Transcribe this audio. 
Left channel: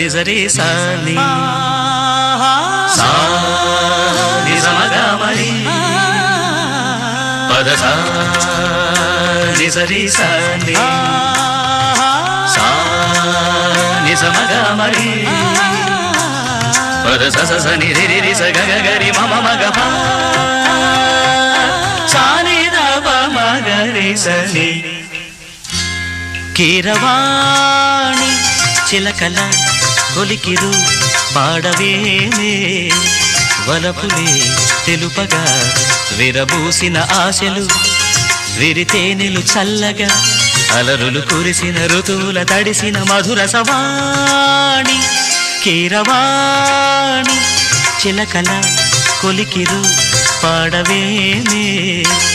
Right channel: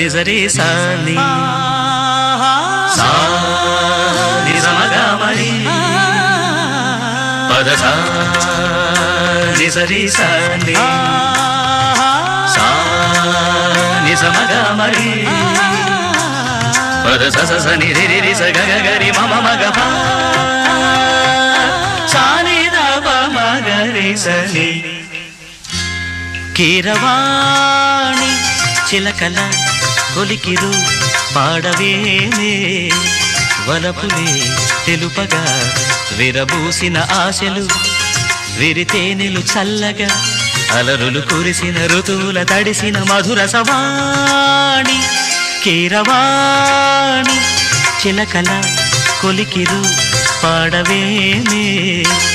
నిజరి సాని సా నిజమగమరి పదస నిజరి సాని సా నిజమగమరి పదస స ని రి రి స గ గ రి మ మ గ ప సా ని ద ప మ గ రి స ని కీరవాణి చిలకల కొలికిరు పాడవేమే వలపులే తెలుపగా విరబూసిన ఆశలు విరితేనెలు చల్లగా అలరులు కురిసిన ఋతువుల తడిసిన మధుర సవాణి కీరవాణి చిలకల కొలికిరు పాడవేమే